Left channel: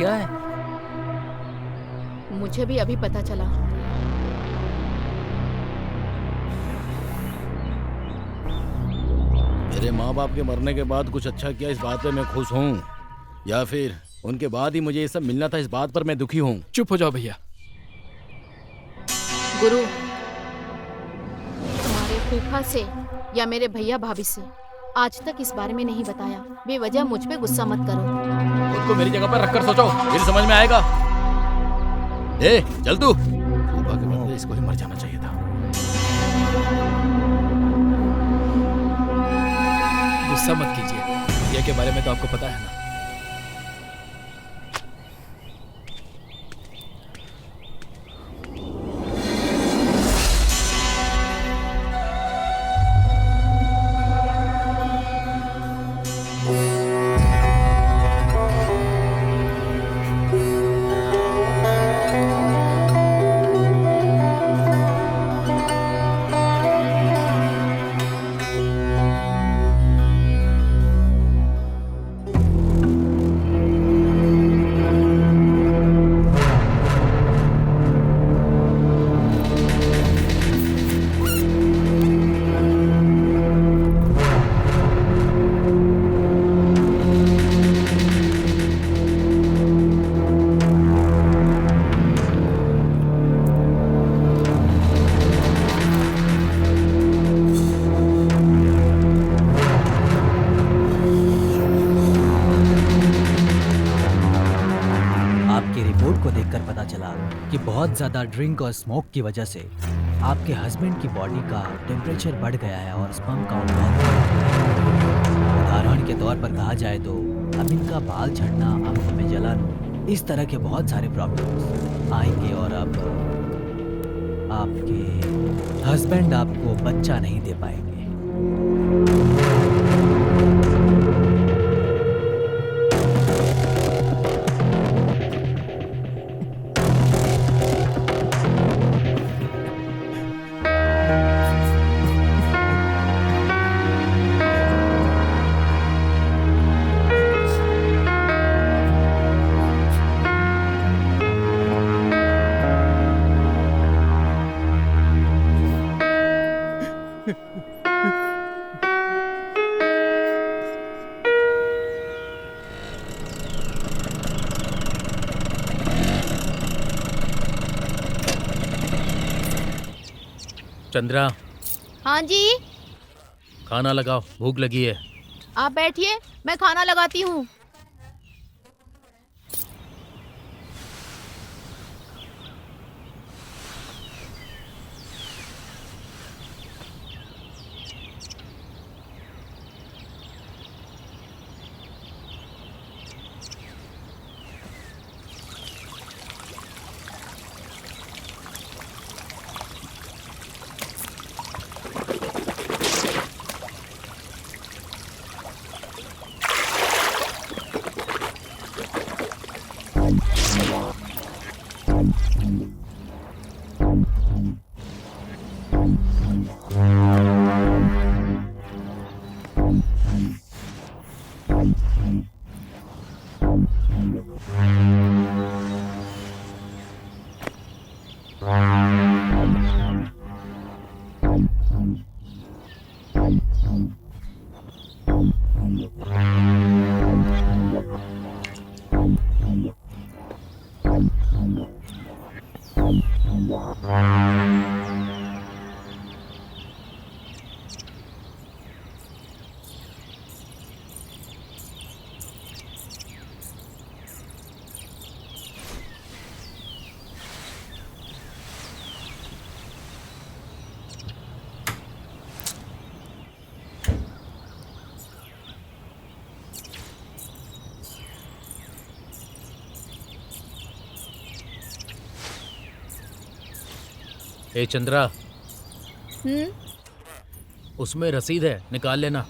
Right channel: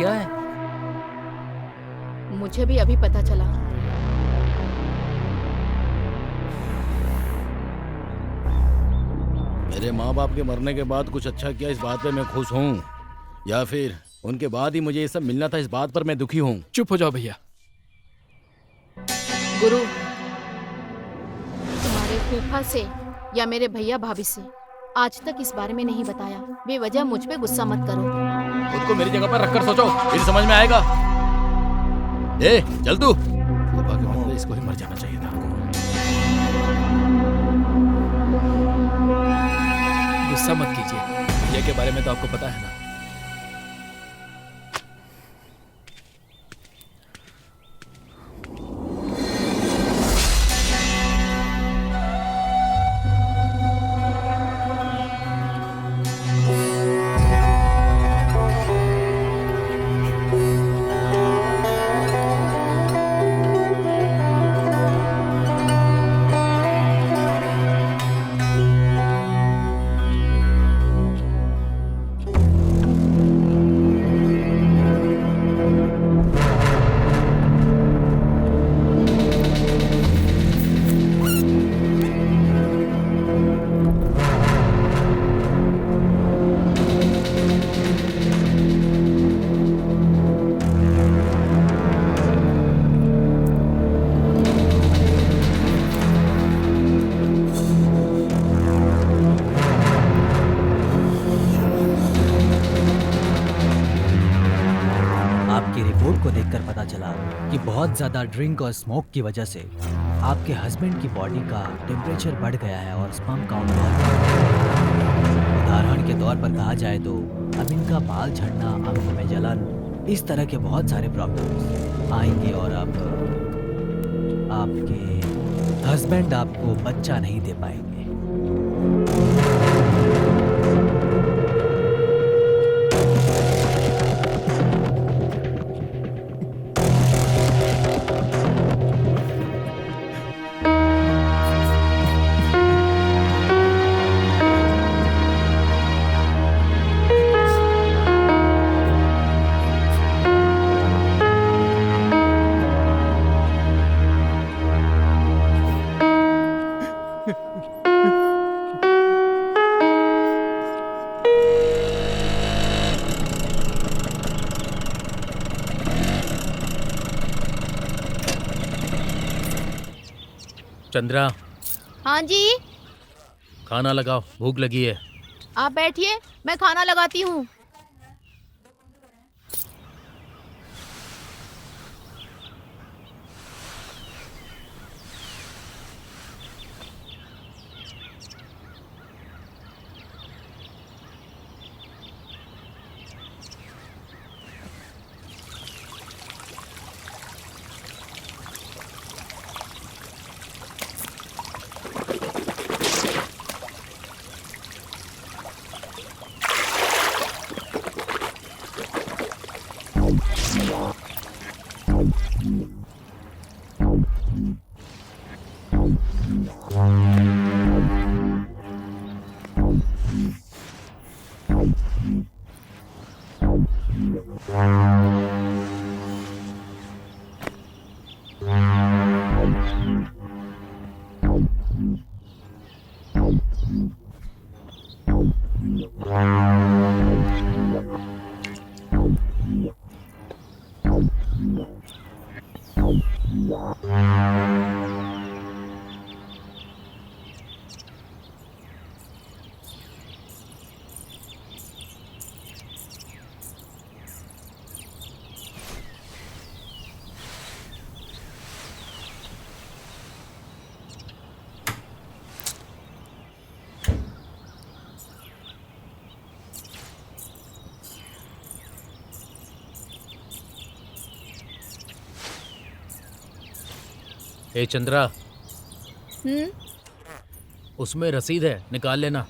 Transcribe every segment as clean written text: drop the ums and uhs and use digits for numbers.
क्या है? मुझे भी अभी पता चला। मेरे माँ बाप के मरने के बाद कुछ अच्छा किया इस बात पे मैं खुश हूँ, या फिर उनके बाद ही मुझे ये सब मिलना था इस बात पर मैं दुखी हूँ। चुप हो जाओ भैया। गुरु, तुम्हारे फूफा से या मेरे भैया भाभी से आज तक इस बारे में नहीं बताया। बेवजह मुझ पे गुस्सा मत करो। खुद को मेरी जगह पर रखकर सोचो, फिर समझ में आएगा। ए, चल तू। फूफा के बदले इसको ही मर जाना चाहिए था। गुस्सा मत कीजिए, भैया के बारे में तो आपको पता है ना। आपकी रिपोर्ट को देखकर पता चला कि बहुत ज्यादा ड्रिंक और स्मोक की वजह से आपके हस्बैंड की बॉडी का टेम्परेचर बढ़ गया है और स्पर्म काउंट बहुत कम हो गया है। उदाहरण के तौर पर कहा जाए तो अब इनका बाल झड़ना, आंखों में जलन, इस तरह के बहुत सारे प्रॉब्लम्स आएंगे और अब आपके हस्बैंड आपको बच्चा नहीं दे पाएंगे। चंद्रा, हाँ जी, खाना लगाओ, भूख लगी है। आप बैठिए, मैं खाना लगाती हूँ। ए चंद्रा, हम्म, उसमें रसीद है, निकाल लेना।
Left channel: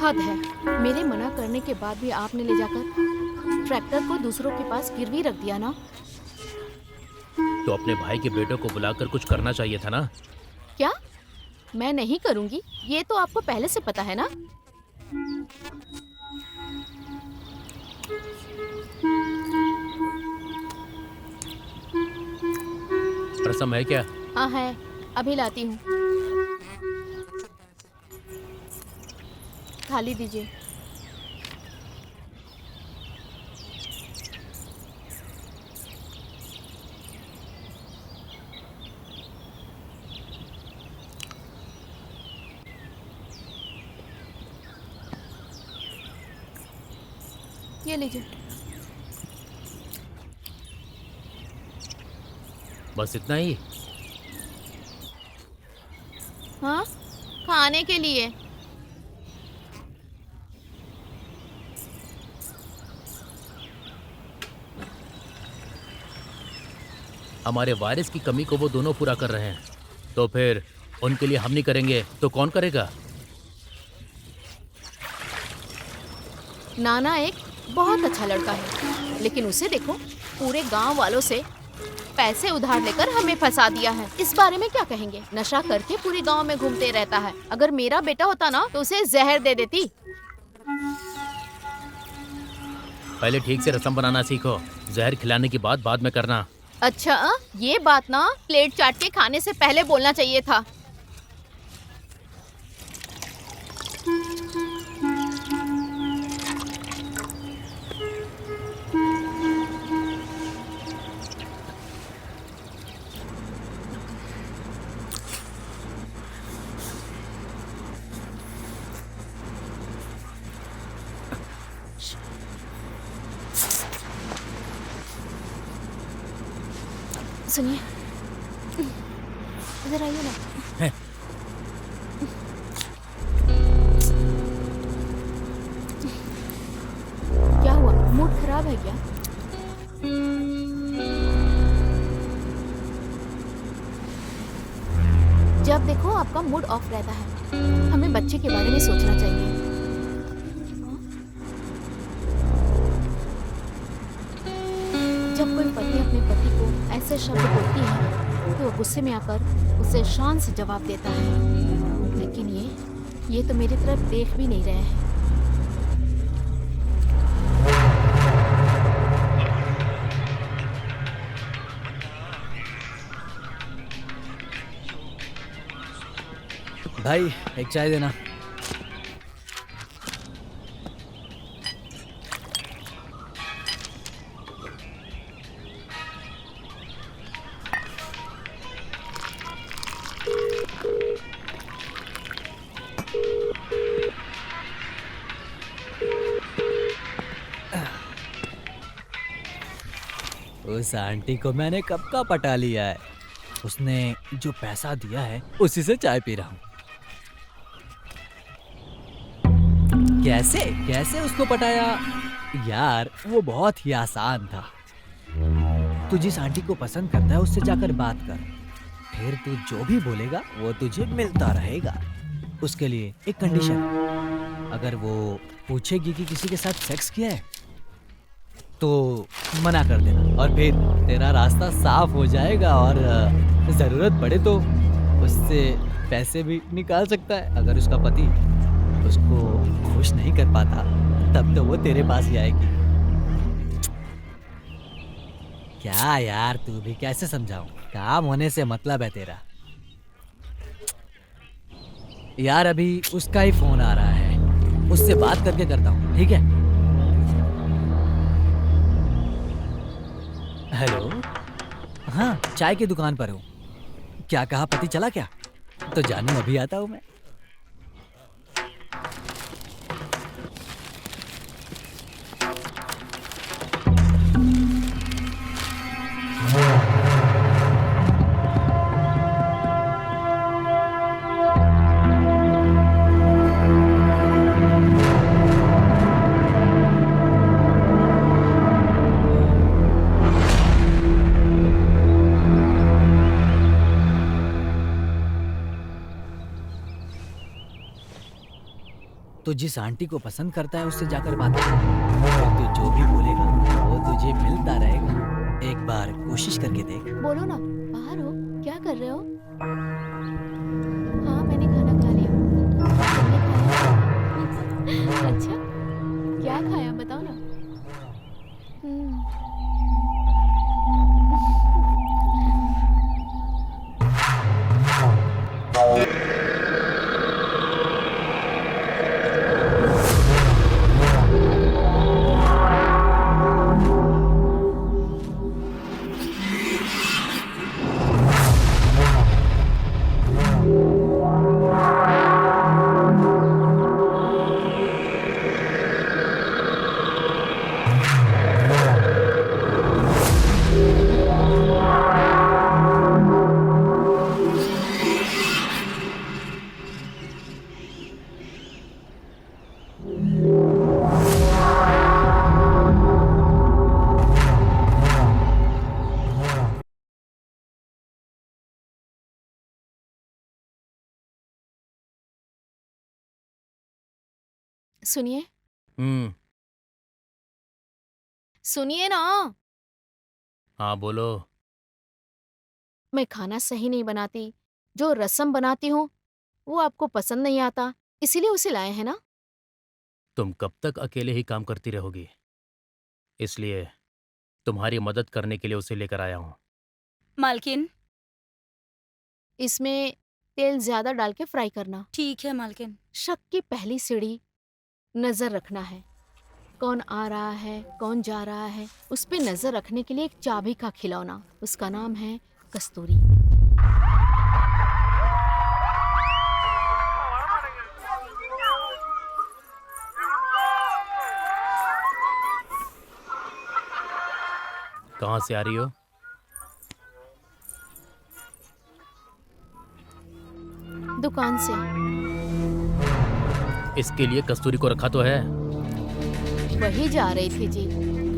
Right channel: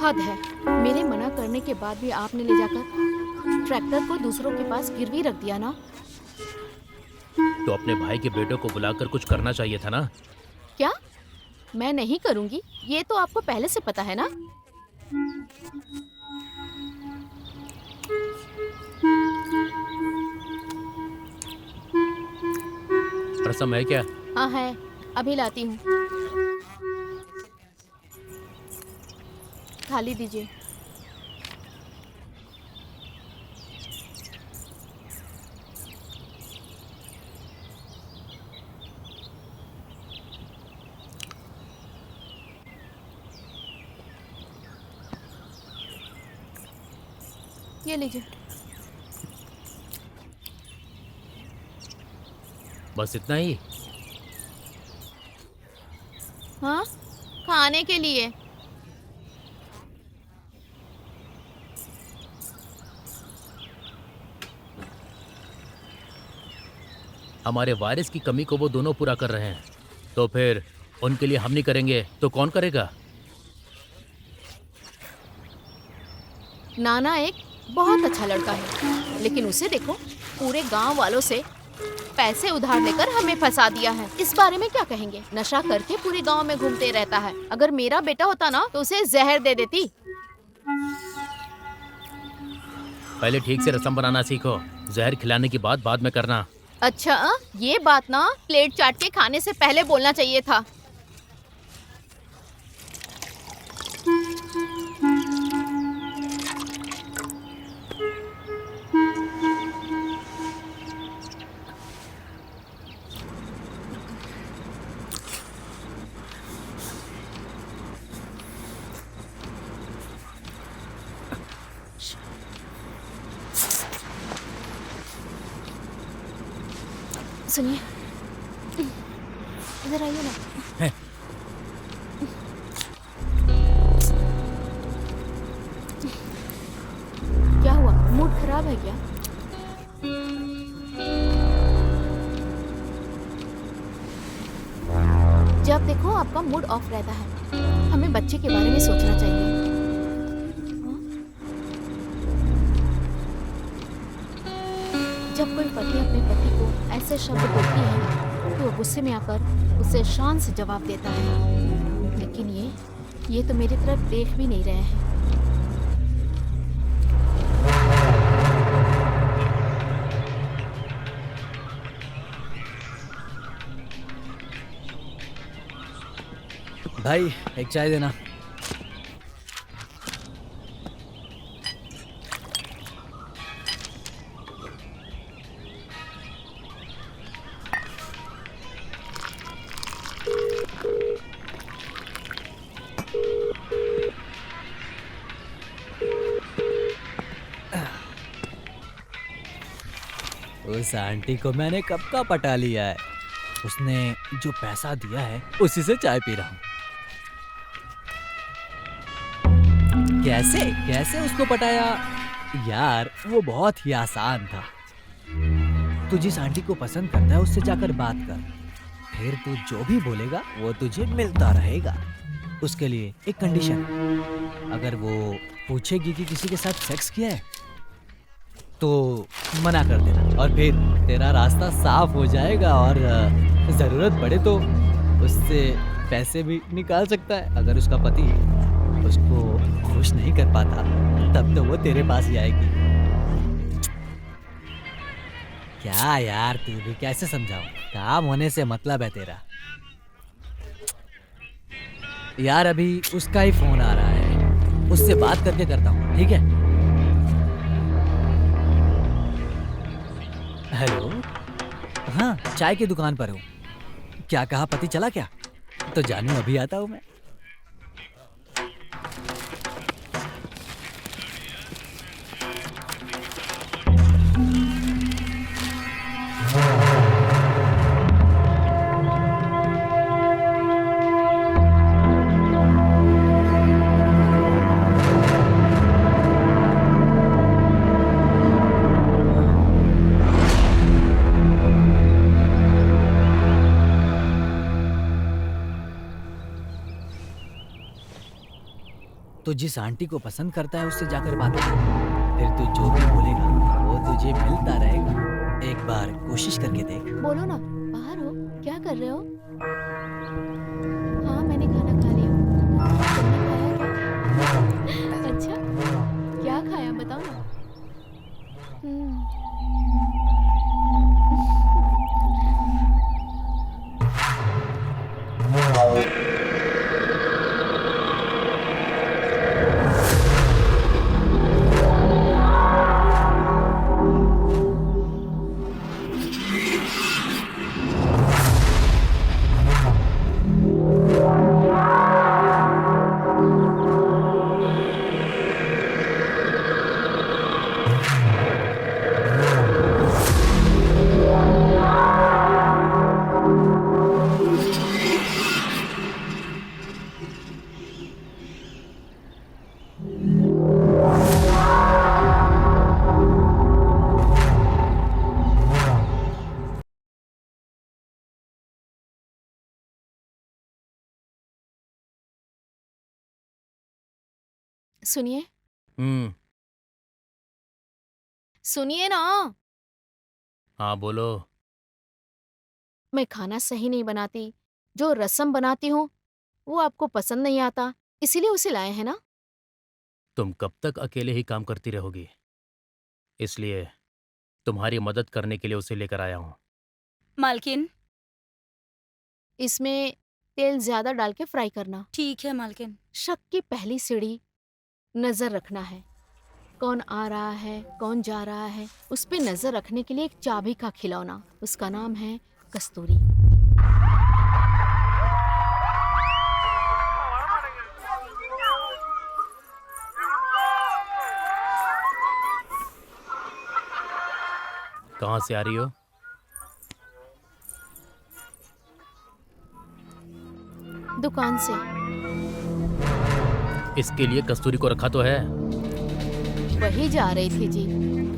हद है। मेरे मना करने के बाद भी आपने ले जाकर ट्रैक्टर को दूसरों के पास गिरवी रख दिया ना? तो अपने भाई के बेटों को बुलाकर कुछ करना चाहिए था ना। क्या? मैं नहीं करूंगी, ये तो आपको पहले से पता है ना। रसम है क्या? हाँ है, अभी लाती हूँ। थाली दीजिए। ये लीजिए। बस इतना ही? हाँ, खाने के लिए। हमारे वारिस की कमी को वो दोनों पूरा कर रहे हैं, तो फिर उनके लिए हम नहीं करेंगे तो कौन करेगा? नाना एक बहुत अच्छा लड़का है, लेकिन उसे देखो, पूरे गांव वालों से पैसे उधार लेकर हमें फंसा दिया है। इस बारे में क्या कहेंगे? नशा करके पूरे गांव में घूमते रहता है। अगर मेरा बेटा होता ना तो उसे जहर दे देती। पहले ठीक से रसम बनाना सीखो, जहर खिलाने की बात बाद में करना। अच्छा, ये बात ना प्लेट चाट के खाने से पहले बोलना चाहिए था। सुनिए, इधर आइए ना। क्या हुआ? मूड खराब है क्या? जब देखो आपका मूड ऑफ रहता है। हमें बच्चे के बारे में सोचना चाहिए। जब कोई पत्नी अपने पति को ऐसे शब्द बोलती है तो वो गुस्से में आकर उसे शान से जवाब देता है, लेकिन ये तो मेरी तरफ देख भी नहीं रहे हैं। भाई एक चाय देना। उस आंटी को मैंने कब का पटा लिया है। उसने जो पैसा दिया है उसी से चाय पी रहा हूँ। कैसे कैसे उसको पटाया यार, वो बहुत ही आसान था। तू जिस आंटी को पसंद करता है उससे जाकर बात कर, फिर तू जो भी बोलेगा वो तुझे मिलता रहेगा। उसके लिए एक कंडीशन है, अगर वो पूछेगी कि किसी के साथ सेक्स किया है तो मना कर देना, और फिर तेरा रास्ता साफ हो जाएगा और जरूरत पड़े तो उससे पैसे भी निकाल सकता है। अगर उसका पति उसको खुश नहीं कर पाता तब तो वो तेरे पास ही आएगी। क्या यार, तू भी कैसे समझाऊं? काम होने से मतलब है तेरा। यार अभी उसका ही फोन आ रहा है, उससे बात करके करता हूँ, ठीक है? हेलो, हाँ चाय की दुकान पर हूँ। क्या कहा, पति चला क्या? तो जानू अभी आता हूँ मैं। तो जिस आंटी को पसंद करता है उससे जाकर बात कर। फिर तू जो भी बोलेगा वो तुझे मिलता रहेगा। एक बार कोशिश करके देख। बोलो ना, बाहर हो, क्या कर रहे हो? हाँ, मैंने खाना खा लिया। तुमने खाया? अच्छा, क्या खाया बताओ ना। सुनिए, हम्म। सुनिए ना। हाँ बोलो। मैं खाना सही नहीं बनाती। जो रसम बनाती हूँ वो आपको पसंद नहीं आता, इसीलिए उसे लाए हैं ना। तुम कब तक अकेले ही काम करती रहोगी, इसलिए तुम्हारी मदद करने के लिए उसे लेकर आया हूँ। मालकिन। इसमें तेल ज्यादा डाल के फ्राई करना। ठीक है मालकिन। शक की पहली सीढ़ी नजर रखना है। कौन आ रहा है, कौन जा रहा है, उस पे नजर रखने के लिए एक चाबी का खिलौना, उसका नाम है कस्तूरी। कहाँ से आ रही हो? दुकान से। इसके लिए कस्तूरी को रखा तो है। वही जा रही थी जी,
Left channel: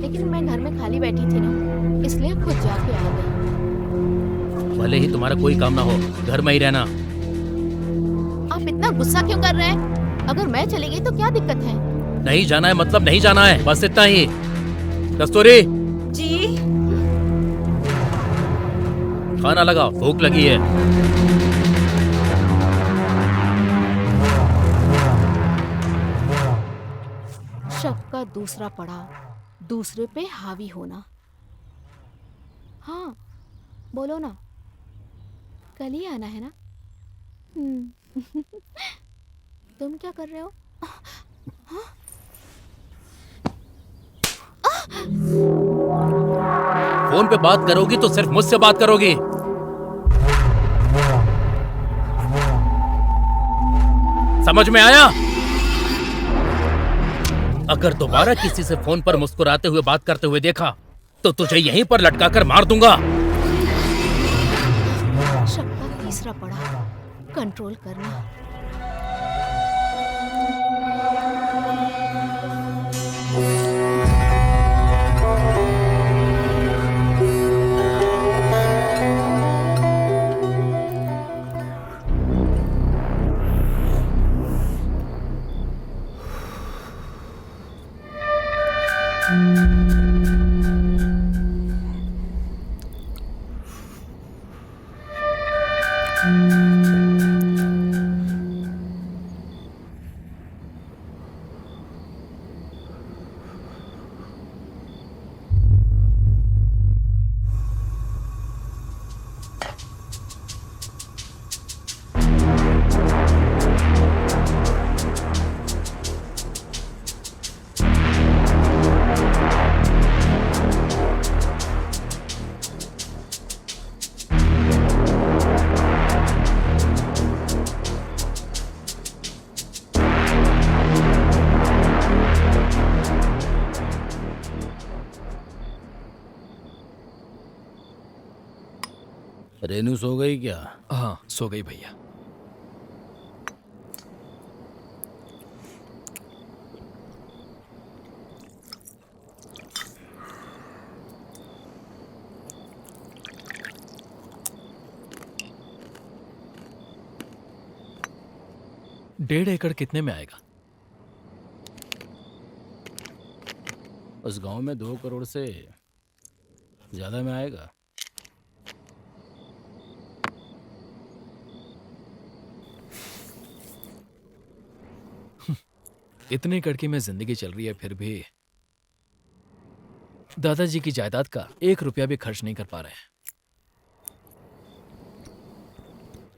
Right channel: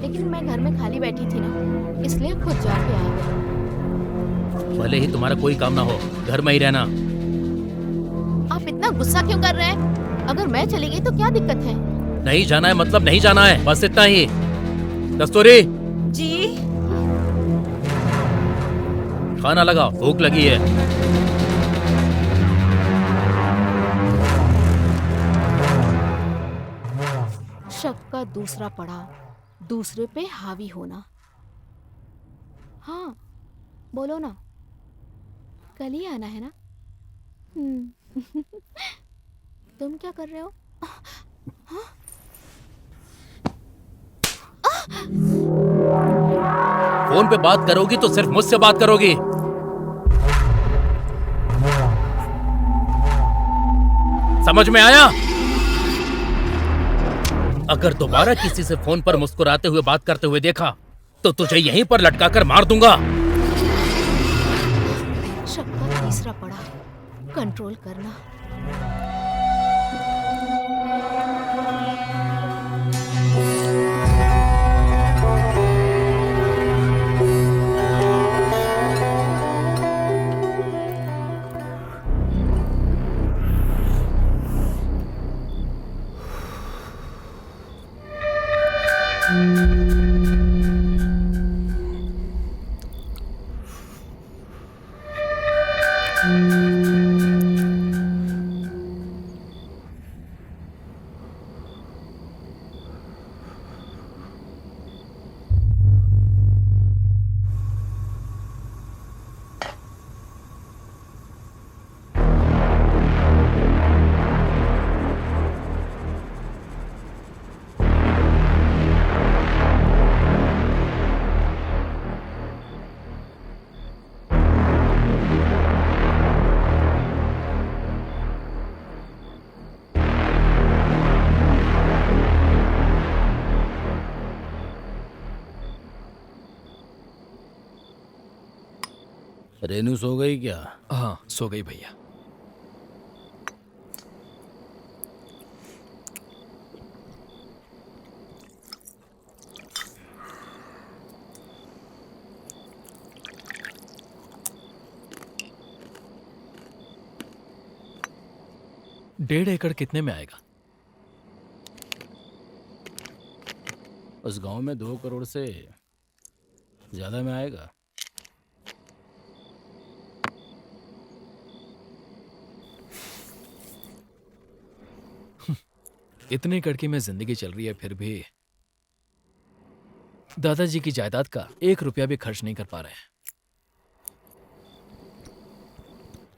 लेकिन मैं घर में खाली बैठी थी ना, इसलिए खुद जाके आ गई। भले ही तुम्हारा कोई काम ना हो, घर में ही रहना। आप इतना गुस्सा क्यों कर रहे हैं? अगर मैं चली गई तो क्या दिक्कत है? नहीं जाना है मतलब नहीं जाना है, बस इतना ही। कस्तूरी, जी। खाना लगाओ, भूख लगी है। शक का दूसरा पड़ाव, दूसरे पे हावी होना। हाँ, बोलो ना, कल ही आना है ना? तुम क्या कर रहे हो? फोन पे बात करोगी तो सिर्फ मुझसे बात करोगी। समझ में आया? अगर दोबारा किसी से फोन पर मुस्कुराते हुए बात करते हुए देखा तो तुझे यहीं पर लटकाकर मार दूंगा। शक का तीसरा पड़ाव, कंट्रोल करना। रेनू सो गई क्या? हाँ, सो गई भैया। डेढ़ एकड़ कितने में आएगा? उस गांव में 2 करोड़ से ज्यादा में आएगा। इतनी कड़की में जिंदगी चल रही है, फिर भी दादाजी की जायदाद का 1 रुपया भी खर्च नहीं कर पा रहे हैं।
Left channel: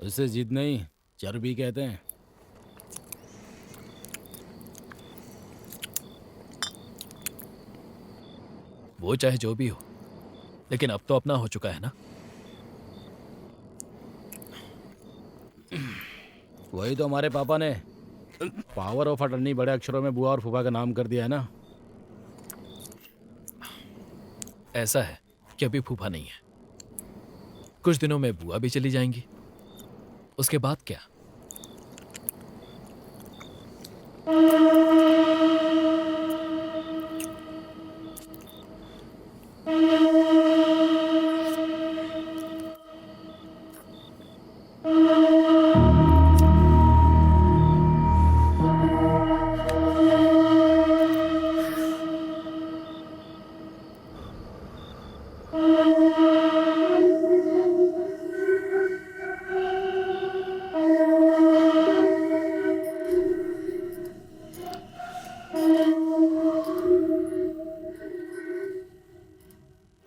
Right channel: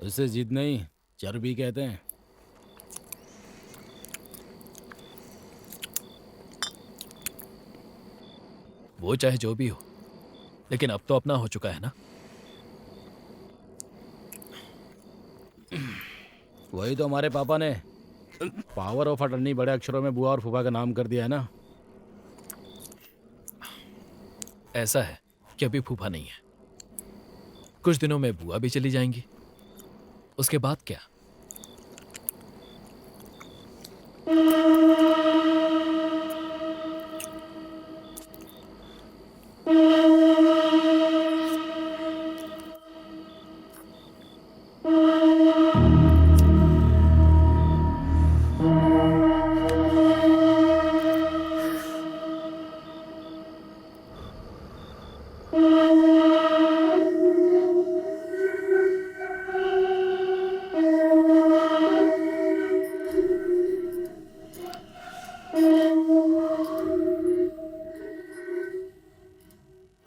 उससे जिद नहीं, चर्बी कहते हैं। वो चाहे जो भी हो, लेकिन अब तो अपना हो चुका है ना। वही तो हमारे पापा ने पावर ऑफ अटर्नी बड़े अक्षरों में बुआ और फूफा का नाम कर दिया है ना। ऐसा है कि अभी फूफा नहीं है, कुछ दिनों में बुआ भी चली जाएंगी, उसके बाद क्या?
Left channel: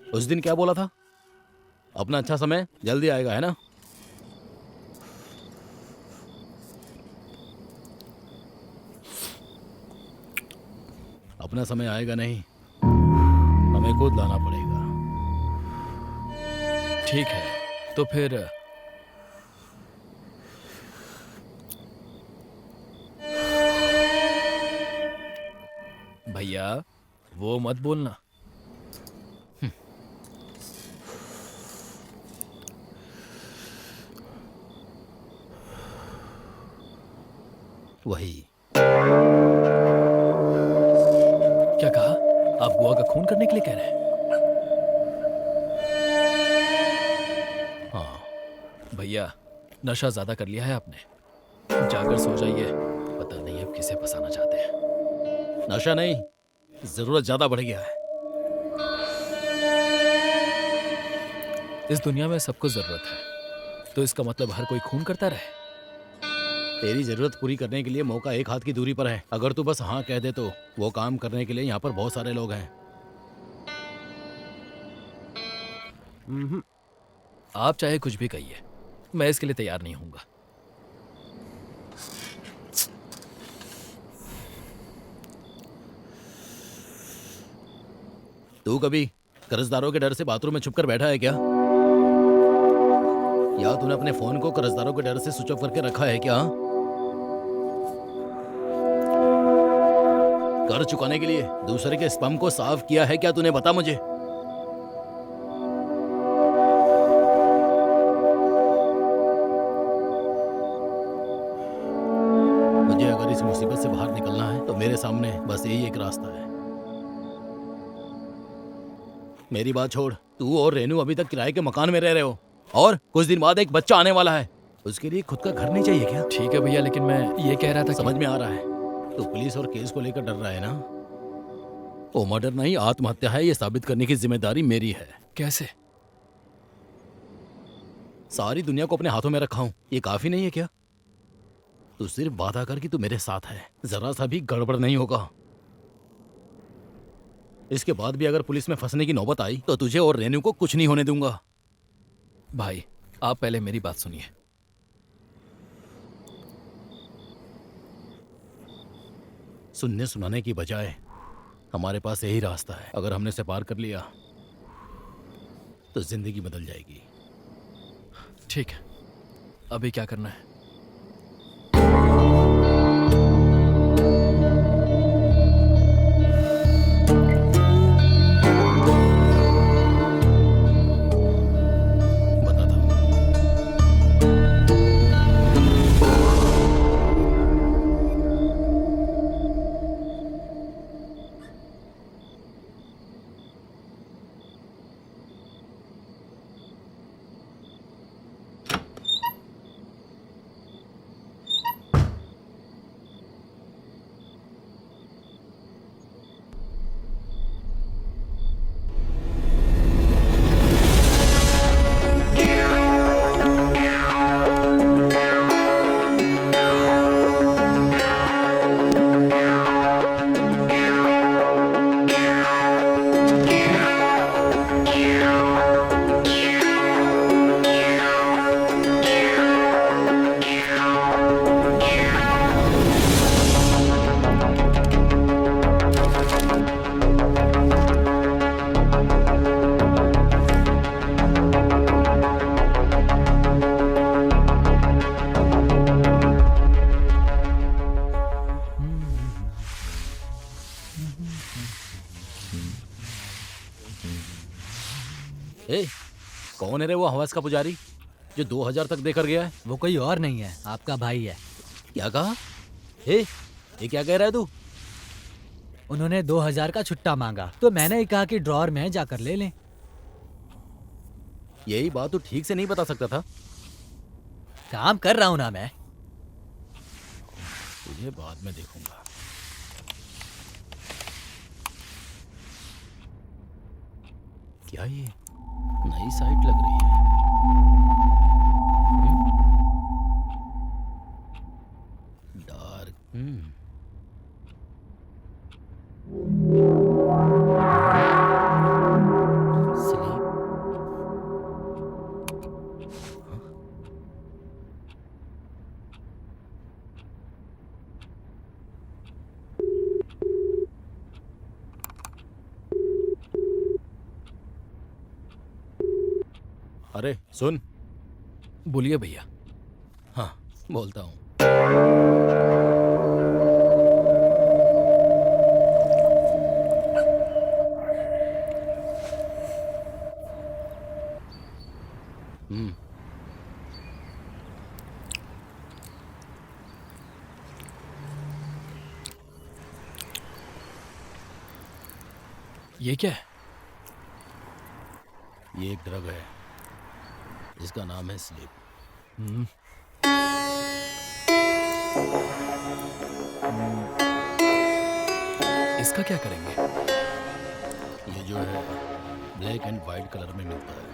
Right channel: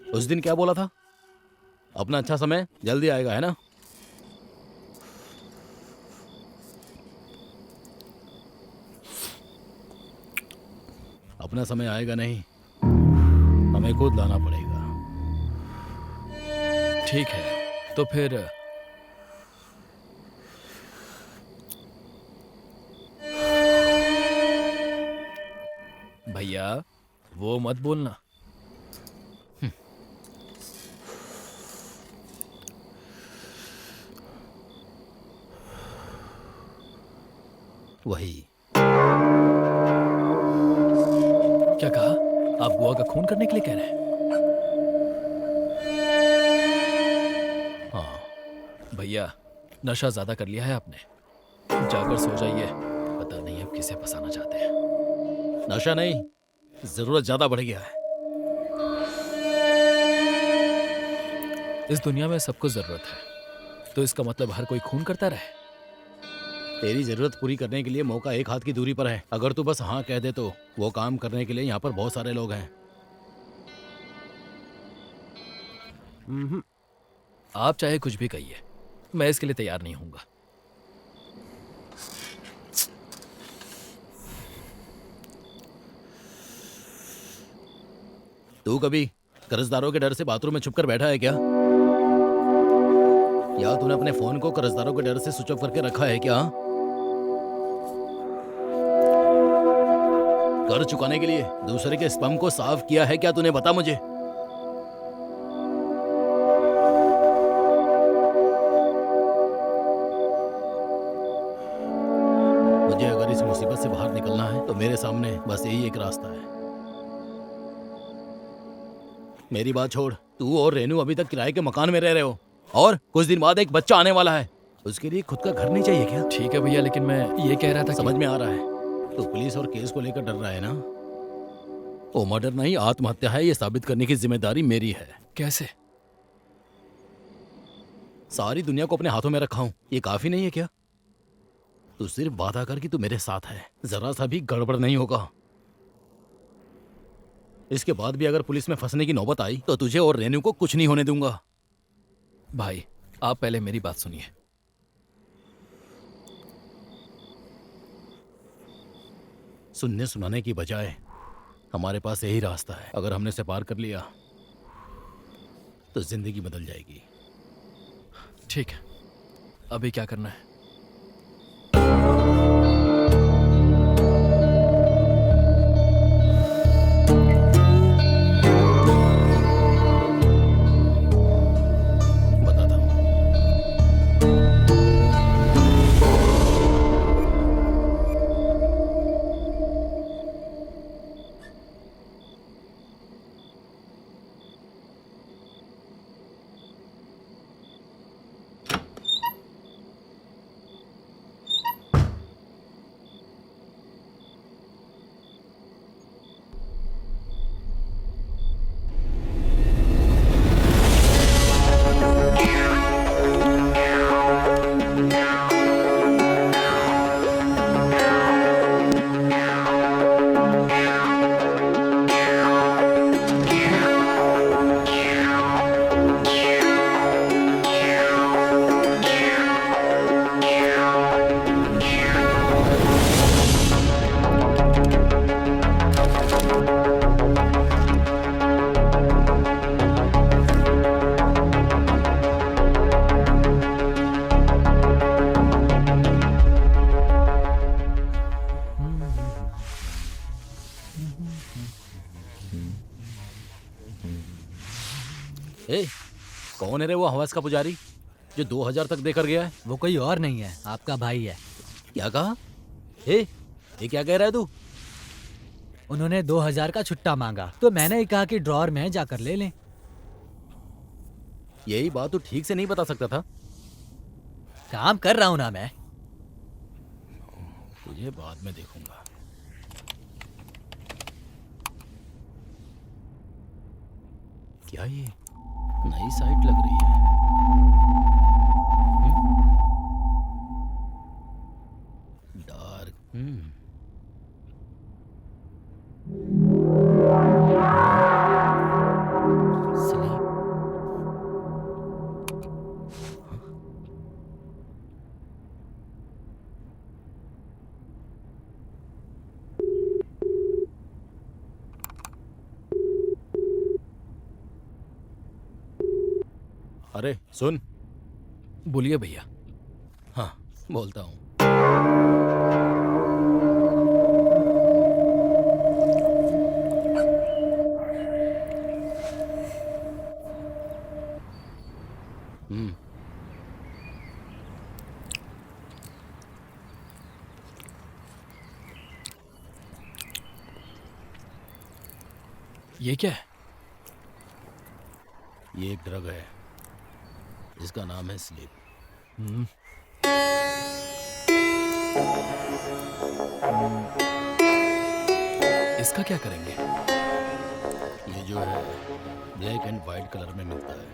उस दिन क्या बोला था? अपना अच्छा समय जल्दी आएगा, है ना? अपना समय आएगा नहीं, हमें खुद लाना पड़ेगा। ठीक है, तो फिर भैया वो मत बोलना। वही। क्या कहा? आप बुआ का खून करने के लिए कह रहे हैं? हाँ। भैया नशा ज्यादा कर लिया है आपने, जाकर सो जाइए। पता नहीं अब किसे फंसाना चाहते हैं। नशा नहीं, जरूरत ज्यादा बढ़ गया है। इस दुनिया में सबको जरूरत है, तो इसका मतलब हर कोई खून करता रहे? तेरी जरूरत पूरी करने के लिए मौका एक हाथ की दूरी पर है। अगर तू बस हाँ कह दे तो वो काम करने के लिए यहाँ पर बहुत सारे लोग हैं। आप चाहे कुछ भी कहिए, मैं इसके लिए तैयार नहीं हूंगा। तू कभी कर्जदारों के डर से बाथरूम में छुपकर बैठा है क्या? या तूने अपने फोन को कर्जदारों के डर से स्विच ऑफ करके रखा है क्या? कर्ज चुकाने के लिए दूसरे के स्पम को साफ किया है क्या तूने? बता मुझे। मुझे अगर इस मुसीबत से बाहर निकलना है तो मेरे सामने बस यही एक रास्ता है। मेरी बात छोड़, तू और रेनू अभी तक किराए के मकान में रह रहे हो और कुछ दिन बाद एक बच्चा आने वाला है। उसके लिए खुद का घर नहीं चाहिए क्या? ठीक है भैया, लेकिन मैं ये कह रहा था समझ में आ रहा है, तो पुलिस और केस को लेकर डर रहा है ना? वो मर्डर नहीं, आत्महत्या है, ये साबित करने की जिम्मेदारी मेरी है। कैसे? सारी दुनिया को अपने हाथों में रखा हूं, ये काफी नहीं है क्या? तू सिर्फ वादा कर कि तू मेरे साथ है, जरा सा भी गड़बड़ नहीं होगा। इसके बाद भी अगर पुलिस में फंसने की नौबत आई तो तुझे और रेनू को कुछ नहीं होने दूंगा। भाई आप पहले मेरी बात सुनिए। सुनने सुनाने की बजाय हमारे पास यही रास्ता है। अगर हमने इसे पार कर लिया तो जिंदगी बदल जाएगी। ठीक है, अभी क्या करना है? बताता हूं। ए, कौन है रे वो हवस का पुजारी जो 2000 तक देकर गया है? वो कोई और नहीं है, आपका भाई है। क्या कहा? ए, ये क्या कह रहा है तू? उन्होंने 2000 का छुट्टा मांगा तो मैंने ही कहा कि ड्रॉर में है, जाकर ले लें। यही बात तू ठीक से नहीं बता सकता था? काम कर रहा हूं ना मैं। तुझे बाद में देखूंगा। क्या ये नई साइट लग रही है? डार्क। स्लीप। अरे सुन। बोलिए भैया। हाँ, बोलता हूँ। ये क्या है? ये एक ड्रग है, इसका नाम है स्लीप। इसका क्या करेंगे? ये जो है ब्लैक एंड वाइट कलर में मिलता है।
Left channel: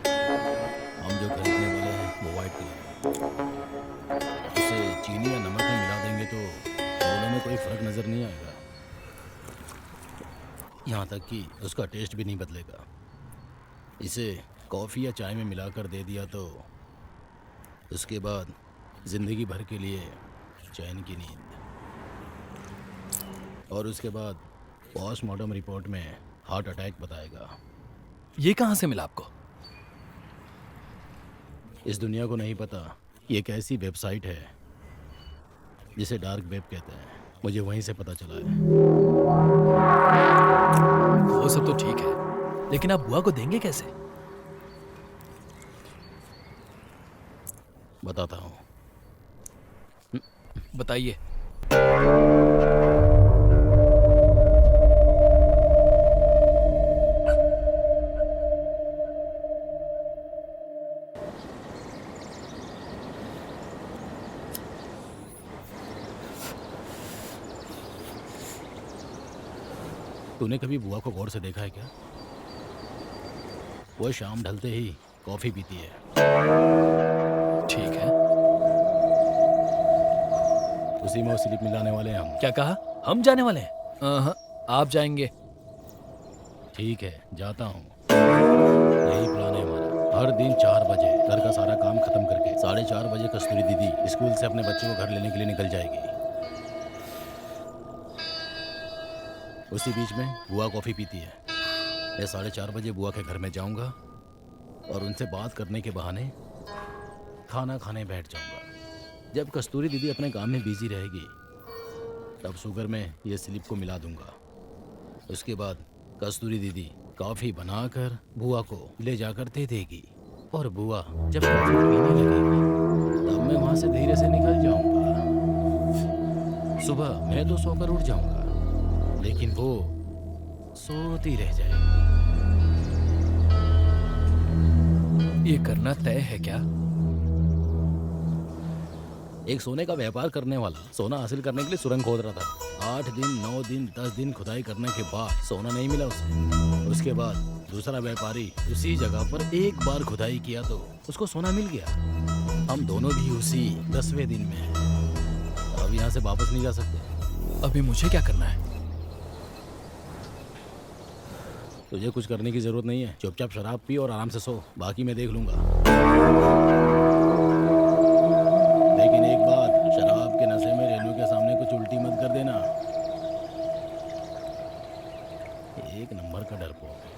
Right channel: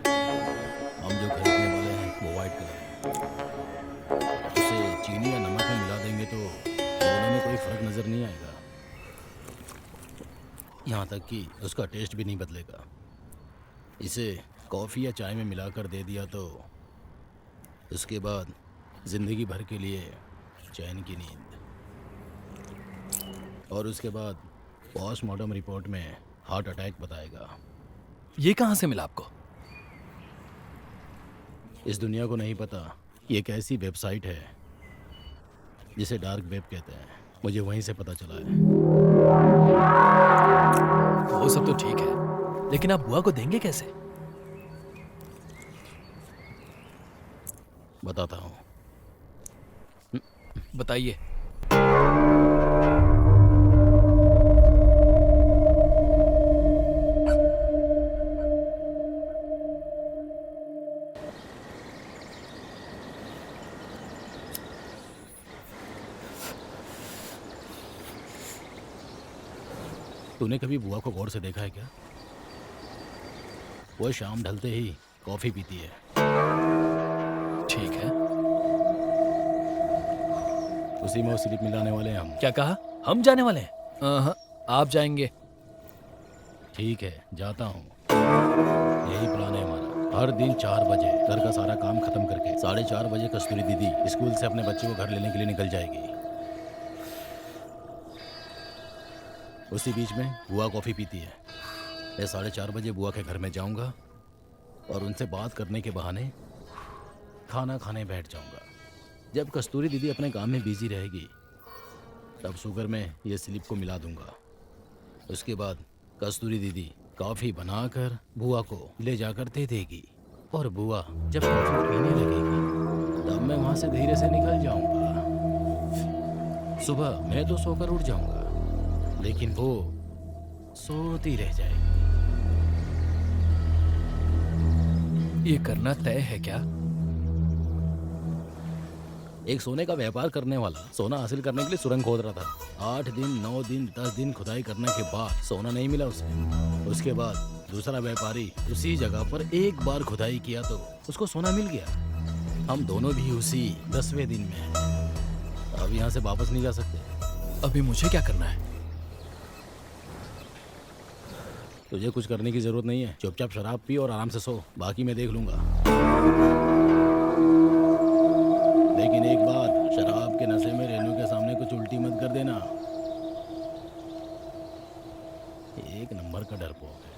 हम जो खरीदने वाले हैं वो वाइट कलर है। उसे चीनी या नमक में मिला देंगे तो दोनों में कोई फर्क नजर नहीं आएगा। यहाँ तक कि उसका टेस्ट भी नहीं बदलेगा। इसे कॉफ़ी या चाय में मिलाकर दे दिया तो उसके बाद जिंदगी भर के लिए चैन की नींद। और उसके बाद पोस्टमार्टम रिपोर्ट में हार्ट अटैक बताएगा। ये कहाँ से मिला आपको? इस दुनिया को नहीं पता ये एक ऐसी वेबसाइट है जिसे डार्क वेब कहते हैं। मुझे वहीं से पता चला है। वो सब तो ठीक है, लेकिन आप बुआ को देंगे कैसे? बताता हूँ। बताइए। तूने कभी बुआ को गौर से देखा है क्या? वो शाम ढलते ही कॉफी पीती है। ठीक है। उसी में वो स्लिप मिलाने वाले हैं हम। क्या कहा? हम जाने वाले हैं? हाँ, आप जाएंगे। ठीक है, जाता हूँ। यही प्लान है हमारा। हर दिन 4 बजे घर का सारा काम खत्म करके 4:30 बजे कस्तूरी दीदी स्कूल से अपने बच्चे को घर लेने के लिए निकल जाएगी। उसी बीच में बुआ कॉफ़ी पीती है। मैं 4:30 बजे बुआ के घर में जाऊंगा और उनसे बात करने के बहाने खाना खाने बैठ जाऊंगा। जब कस्तूरी दीदी अपने काम में बिजी रहेगी तब शुगर में ये स्लिप को मिला दूंगा। उसके बाद कस्तूरी दीदी कॉफ़ी बनाकर बुआ को ले जाकर दे देगी और बुआ जब कॉफ़ी पीने लगेगी तब मैं वहाँ से धीरे से निकल जाऊंगा। सुबह मैं तो सोकर उठ जाऊंगा लेकिन वो सोती रह जाएगी। ये करना तय है क्या? एक सोने का व्यापार करने वाला सोना हासिल करने के लिए सुरंग खोद रहा था। 8 दिन 9 दिन 10 दिन खुदाई करने के बाद सोना नहीं मिला उसे। उसके बाद दूसरा व्यापारी उसी जगह पर एक बार खुदाई किया तो उसको सोना मिल गया। हम दोनों भी उसी 10वें दिन में हैं। अब यहाँ से वापस नहीं जा सकते। अभी मुझे क्या करना है? तुझे कुछ करने की जरूरत नहीं है। चुपचाप शराब पी और आराम से सो, बाकी मैं देख लूंगा। लेकिन एक बात, शराब के नशे में रेनू के सामने कुछ उल्टी मत कर देना। एक नंबर का डरपोक है।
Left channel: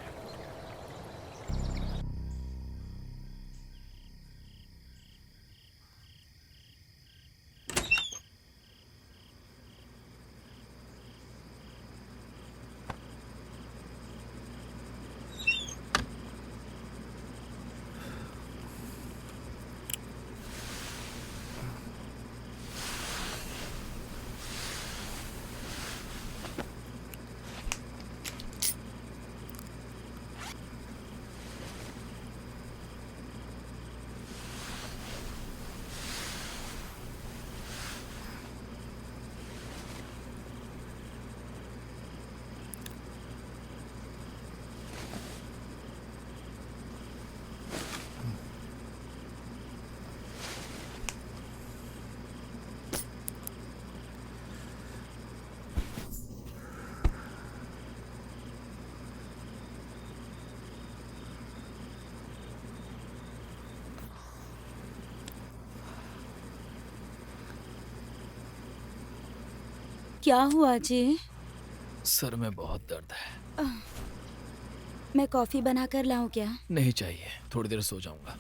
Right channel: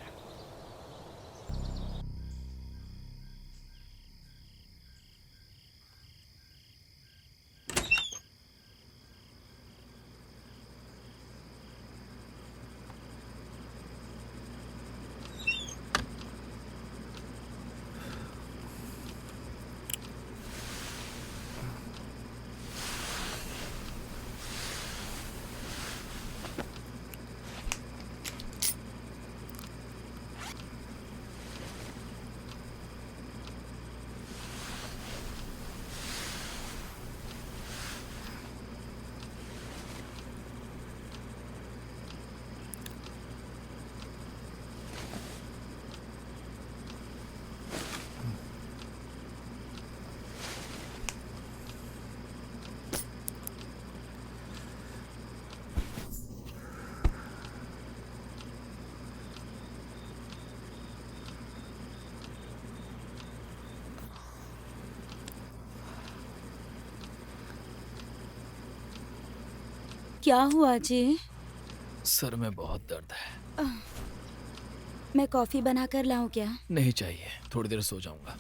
क्या हुआ जी? सर में बहुत दर्द है। मैं कॉफी बनाकर लाऊं क्या? नहीं चाहिए, थोड़ी देर सो जाऊंगा।